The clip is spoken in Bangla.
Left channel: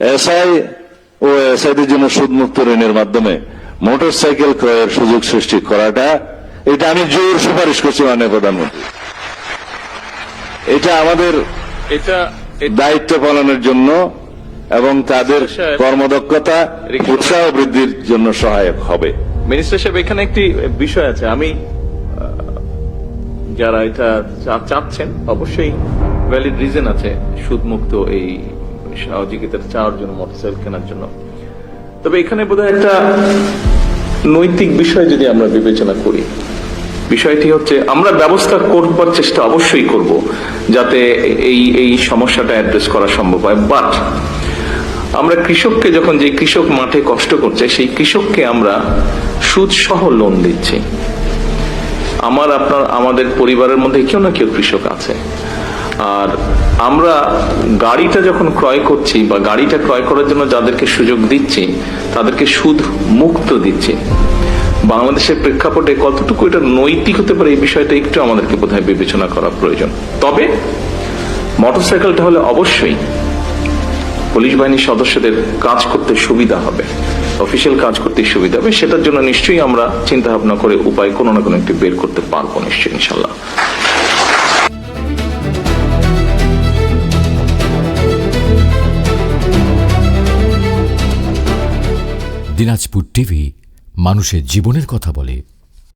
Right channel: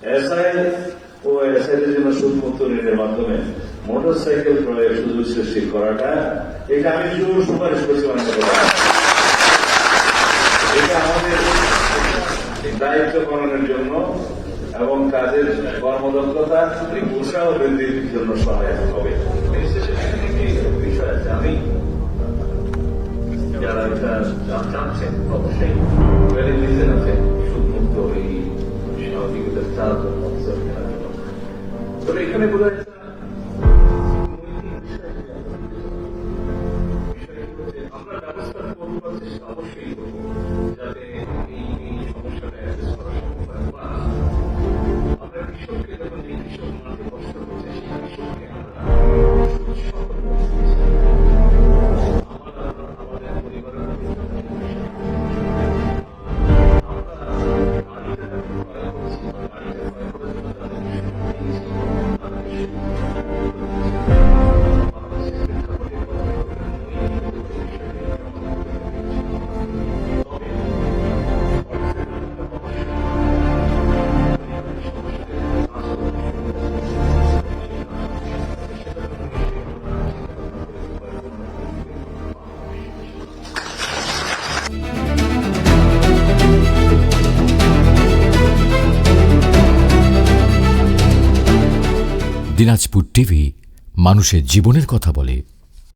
এসআই ও এসআইদের জন্য সুদমুক্ত ঋণের মাধ্যমে মোটরসাইকেল ক্রয়ের সুযোগ সৃষ্টি করাটা, এটা আমি জোর সুপারিশ করছি মাননীয় প্রধান। এটা আমাদের দায়িত্ব পালনের জন্য এবং তাদের কর্মদক্ষতা উৎসাহ বৃদ্ধির জন্য সহায়ক হবে। মিনিস্টার সাহেব, এখানে একটি বিষয় আছে, আমি যারা এটা চাচ্ছেন অবশ্যই ভ্যালিড রিজন আছে সুদমুক্ত এই সহযোগিতা চাওয়ার জন্য, মোটরসাইকেল কেনার জন্য। তবে এখানে বোধহয় একটা নৈতিক বিষয় যদি আমরা বিবেচনা করি, বিষয়টি হচ্ছে আমরা ব্যবস্থা করবার চেষ্টা অবশ্যই করব যাতে এই সমস্যাটা অ্যাড্রেস করা সম্ভব হয়। বাট আমরা কৃষককে যখন, যে কৃষক মাঠে কষ্ট করছে সেই কৃষককে আমরা সুদ সহ লোন দিচ্ছি। আমাদের পরিবারের মধ্যে কেউ না কেউ কৃষক আছে, আর আমরা গাড়িটা যখন ক্রয় করছি বা গাড়িটা ক্রয় করার জন্য যাদেরকে সুযোগ দিচ্ছি তাদেরকে সুদ মুক্ত দিচ্ছি। বাংলাদেশের প্রেক্ষাপটে কতটুকু এটা নৈতিক হতে পারে এই বিষয়টা একটু আমাদেরকে বোধহয় বিবেচনা করা প্রয়োজন। তবে মোটরসাইকেলটা হলে অবশ্যই পুলিশ বাহিনীর সদস্যদের কাজ করতে সুবিধা হবে, অফিসিয়াল কাজ করতে সুবিধা হবে। সেটার জন্য নিশ্চয়ই আমরা চিন্তা ভাবনা করে উপায় কোনো না কোনো একটি বের করতে পারবো নিশ্চয়ই, ইনশাল্লাহ। দিনাজপুর টিভি, মানুষের জীবনের কথা বলে।